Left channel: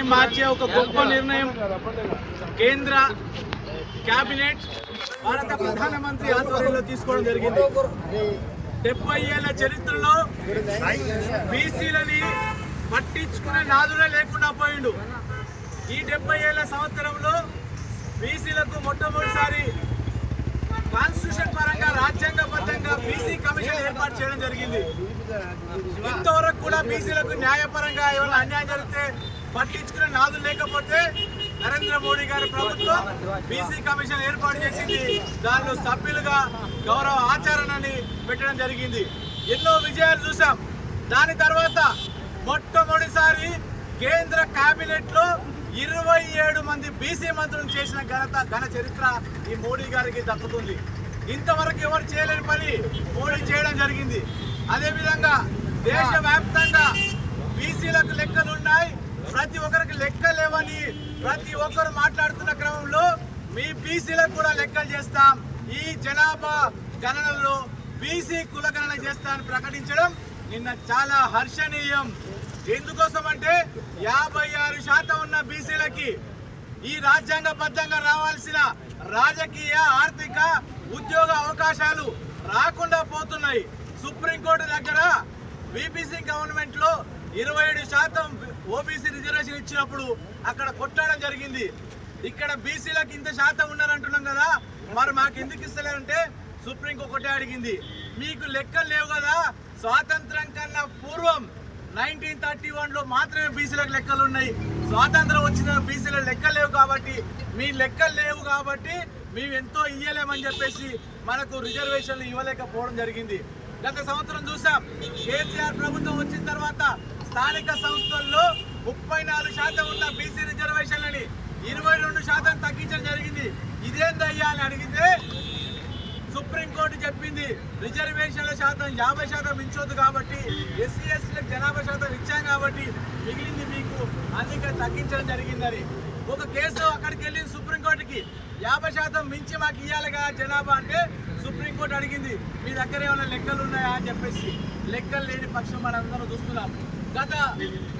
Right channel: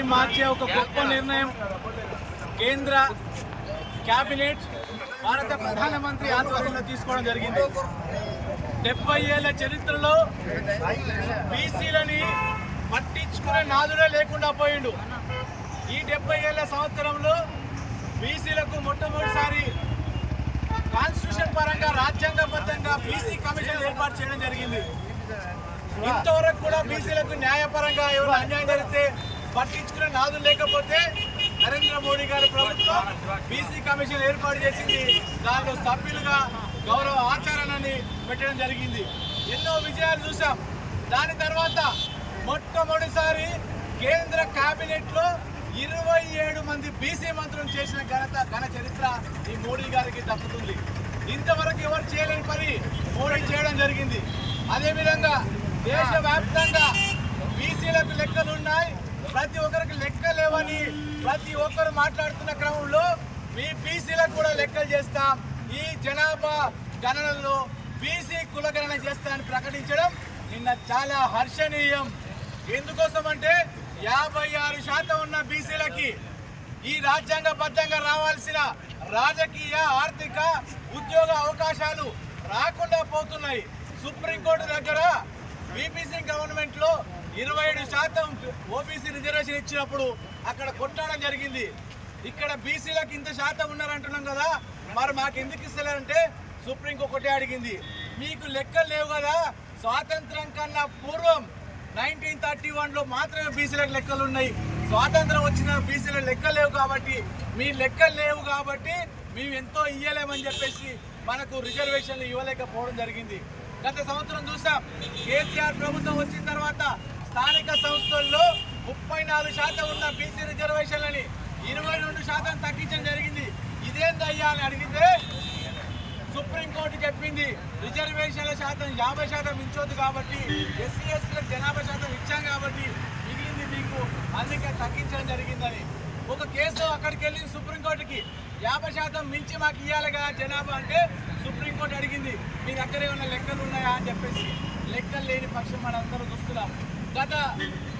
మార్చే ఒక గొప్ప నిర్ణయం కేంద్ర కేబినెట్ భారత ప్రధానమంత్రి ఆధ్వర్యంలో తీసుకోవడం జరిగింది. డెబ్బై ఏళ్ళ చరిత్రలో బీసీలని పట్టించుకునే నాదుడే లేకుండా పోయిండు. ఈ డెబ్బై ఏళ్ళ సంవత్సరంలో బీసీలకు మొట్టమొదటిసారి కాన్స్టిట్యూషన్ పరంగా రాజ్యాంగబద్ధంగా బీసీ కమిషన్ ఏర్పాటు చేయడం జరిగింది. ఇంతవరకు కూడా బీసీలకు న్యాయపరంగా ఏమైనా అన్యాయం జరిగితే పట్టించుకునే నాదులు లేకపోతే నరేంద్ర మోడీ గారి ప్రభుత్వం బీసీ కమిషన్ ఏర్పాటు చేసింది. దానిలో సభ్యులుగా గౌరవ ఆచరణని పెట్టడం జరిగింది. ఎన్నో విజయాలు చూసాం దాని తర్వాత మొట్టమొదటిసారి కేంద్ర కేబినెట్లో ఇరవై ఏడు మంది బీసీ మంత్రులు చేసిన ఘనత ఘన చరిత్ర ఈ మోడీ గారికి దక్కుతుంది. ఇంతవరకు ఎవరు చేయలేని పని మోడీ చేయడం జరిగింది. అదేవిధంగా దేశవ్యాప్తంగా బీసీలకు లెక్కలు ఉన్నాయి. ప్రతి ఒక్కరికి లెక్క లేవని ప్రతి ఒక్కరు మాట్లాడుతున్న క్రమంలో మీ బీసీలకు కూడా లెక్కలు చేస్తాం. ఈ జనాభా గణనలో బీసీ కులగణన చేస్తామని ప్రకటించడం నిన్న చాలా హర్షణీయం. ఎందుకోసం అంటే యాభై ఆరు శాతం ఉన్న బీసీలకి ఈ రాజ్యాంగబద్ధంగా రావాల్సిన రాజకీయ ఆర్థిక ఉద్యోగ అవకాశాలు రాకుండా పోతున్నాయి. సుప్రీంకోర్టు దగ్గర బీబీసీ గవర్నమెంట్లో ఇరవై ఏడు శాతం ఓబీసీ రిజర్వేషన్ ఇచ్చినప్పుడు అక్కడ కొట్టడం జరిగింది. ఇక్కడ బీసీలకు ఇంత శాతం ఉన్నారంటున్నాం కదా మరి మాకు ఎందుకు ఇస్తలేరంటే సుప్రీం ఒకటే అడిగింది. మీకు లెక్కలు లేవు కదా స్వాతంత్రం కన్నా పూర్వం నైన్టీన్ థర్టీ వన్లో మాత్రమే బీసీలకు లెక్కలు ఉన్నాయి. స్వాతంత్రం వచ్చిన బీసీల లెక్కలు లేవు కాబట్టి మీ లెక్కలు లేవు కాబట్టి మేము ఎంతో ఇయ్యలేమని చెప్పేసి మనకు రిజర్వేషన్లు ఇవ్వలేకపోవడం జరిగింది. గత సంవత్సరం చూసాం కేసీఆర్ ప్రభుత్వం వచ్చిన తర్వాత స్థానిక సంస్థల్లో ముప్పై నాలుగు శాతం ఉన్న బీసీ రిజర్వేషన్లని ఇరవై రెండు శాతం తగ్గించడం జరిగింది. ఇదేందయ్యా అని అడిగితే సుప్రీంకోర్టు చెప్పింది రిజర్వేషన్ల శాతం యాభై శాతం ఇచ్చొద్దు కాబట్టి ఎస్సీ ఎస్టీలకు జనాభా శాతం ఇచ్చాం కాబట్టి మిగిలింది మీకు అందుకే తగ్గించడం జరిగిందని. ఒక కేసు అక్కడికి వెళ్ళింది సుప్రీంకోర్టుకి. యాభై శాతం మించి మాకు ఇవ్వాలి కదా జనాభా అంటే సుప్రీంకోర్టు అడిగింది మీ దగ్గర ఏమైనా లెక్కలు ఉన్నాయా అని చెప్పేసి. లెక్కలు లేని పక్షం మనందరం చూస్తున్నాం. గత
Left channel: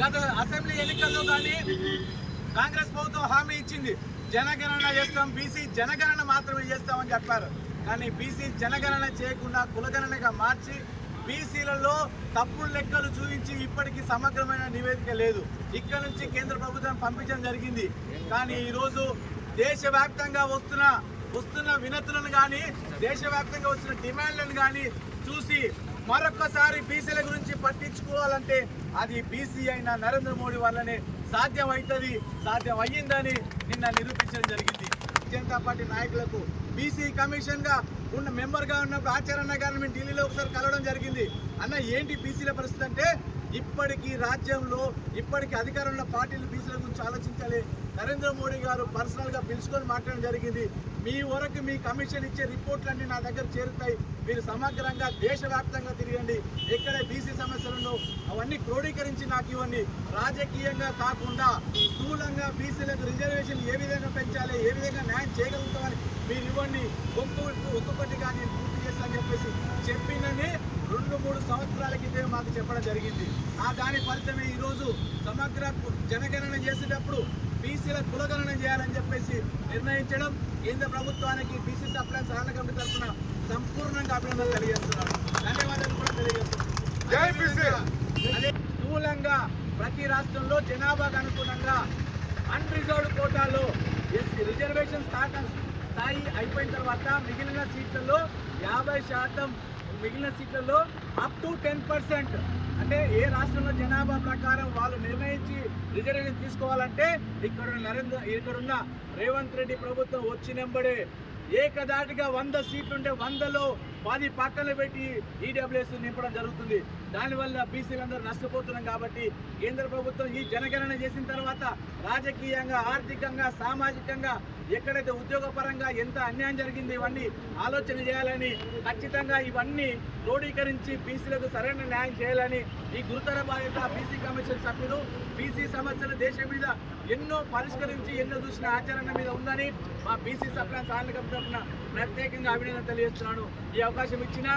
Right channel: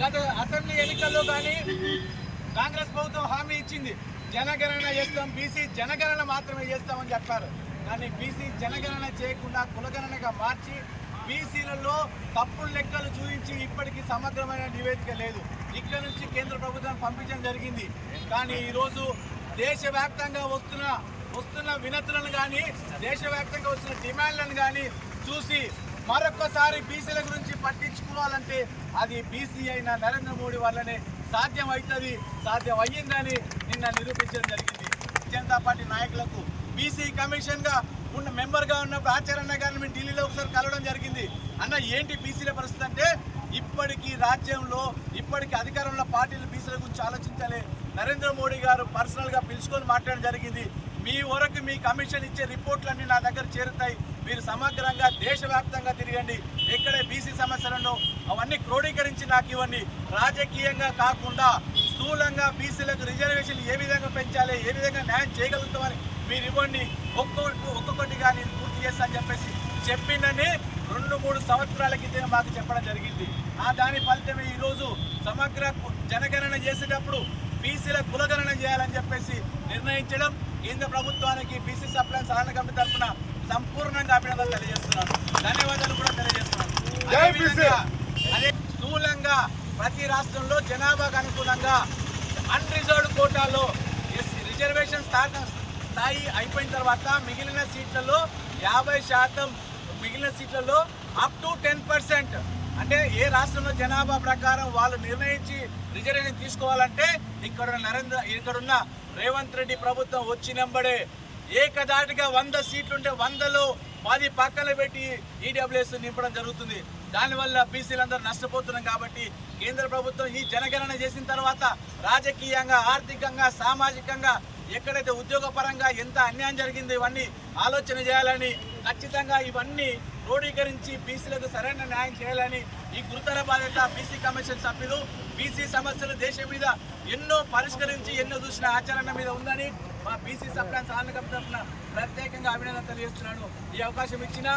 గత అసెంబ్లీ ఎన్నికల్లో కానీ కాంగ్రెస్ ప్రభుత్వం హామీ ఇచ్చింది. జనగణన చేస్తాం బీసీ జనగణన మాత్రమే చేస్తామని చెప్పారు. కానీ బీసీ జనగణన చేయకుండా కులగణనగా మార్చి బీసీలలో తప్పుడు లెక్కలు చూపించి ఇప్పటికీ సమగ్రమైన నివేదిక లేదు. ఇక్కడ నుంచి కేంద్ర ప్రభుత్వం పంపించడం జరిగింది. కానీ ఈరోజు దేశవ్యాప్తంగా వస్తున్న వస్తున్న వినతులను కానీ దేశవ్యాప్తంగా వచ్చిన డిమాండ్లను కానీ చూసి మరొక్కసారి బీసీల గురించి పట్టించుకోవాలంటే అది బీసీ అయిన నరేంద్ర మోడీ వల్లనే సాధ్యం అవుతుంది సాధ్యం అయ్యిందని నిన్న నిరూపించడం జరిగింది. జనతా పార్టీ నాయకులకు బీసీ కమిషన్గా ఉన్న మెంబర్గా ఉన్నప్పుడు ఆచారణ గారిని మేము ఢిల్లీలో ఒకసారి కలవడం జరిగింది. అన్న ఏంటి బీసీల పరిస్థితి అంటే ఇప్పటికీ రాజ్యంలో ఇప్పటికీ అధికారంలో పార్టీలు బీసీల గురించి ఆలోచించాలి. నరేంద్ర మోడీ గారు పర్సనల్గా పిలుచుకొని మాట్లాడడం జరిగింది. మీ వరకు మీ కమిషన్ ఇచ్చే రిపోర్ట్లన్నీ నా దగ్గర చేరుతాయి. మీరు సమగ్రంగా దేశవ్యాప్తంగా తిరగండి. ఎక్కడ బీసీ సమస్యలను అవన్నీ క్రోడీకరించి నాకు ఇవ్వండి. రాజకీయంగా కాకుండా స్థూలంగా బీసీలకు రిజర్వేషన్ ఏ విధంగా పెంచాలి ఏ విధంగా న్యాయం చేయగలుగుతామని మీరు ఇవ్వండి. ఒక్కొక్కటి ఒక్కొక్కటిగా నేను పూర్తి చేస్తా అని చెప్పేసి చెప్పిందని రెండు మూడు సంవత్సరాల క్రితమే మాకు చెప్పడం జరిగింది. ఆ దాని ఫలితమే ఈరోజు సమగ్ర కు- జనగణన చేసేటప్పుడు బీసీల కులగణన చేయాలని చెప్పేసి నిర్ణయించడం కేంద్ర ప్రభుత్వానికి బీసీ సప్లై సహన కమిటీ తరఫున సంపూర్ణంగా అభినందనలు తెలియజేస్తున్నాను. ధన్యవాదాలు కూడా తెలియజేస్తున్నాను. అదేవిధంగా అదే స్థూలంగా ప్రతి రాష్ట్రంలో జనాభాకు అనుగుణంగా అన్రిజర్వ్డ్ కోటాలో రిజర్వేషన్ స్థాయి స్థాయి అయిపోయిన తర్వాత మిగిలిన సీట్లలో యాభై శాతం మిగిలిన సీట్లలో అప్ టు టెన్ పర్సెంట్ అంటే ఏ రాష్ట్రంలో జనాభా ప్రకారం వాళ్ళు నిర్ణయించి రిజర్వేషన్ తీసుకోవాలంటే ఇక్కడ ఉన్న నరేంద్ర ఇక్కడున్న రేవంత్ రెడ్డి ప్రభుత్వం వచ్చినంబడే ఏకదాటిగా వంద సీట్లుంటే వందలో పది పక్కన పెట్టి ఈడబ్ల్యూఎస్ నింపడం జరుగుతుంది. దానివల్ల బీసీలందరూ నష్టపోతున్నాం కాబట్టి కేంద్ర ప్రభుత్వం ఈ జనగణన చేసిన తర్వాత రాజకీయంగా ఆర్థికంగా సామాజికంగా ఎక్కడైతే ఉద్యోగపరంగా ఎంత అన్యాయం జరిగిందో ఇవన్నీ ఆలోచన చేయాలని ఖచ్చితంగా ఇవన్నీ క్రోడీకరించి బీసీలకు సరైన న్యాయం చేయాలని ఈ గురుతర బాధ్యత బీసీ కమిషన్ సభ్యులు బీసీ సమస్యలు దేశం మీద ఎన్నో పరిష్కరించి ఎన్నో చూసిన ఆచరణ మీద ఉందని మా బీసీ సప్లై సాధన తరఫున ప్రత్యేకంగా అభినందన తెలియజేస్తున్నాను. ఈ అవకాశం ఇచ్చిన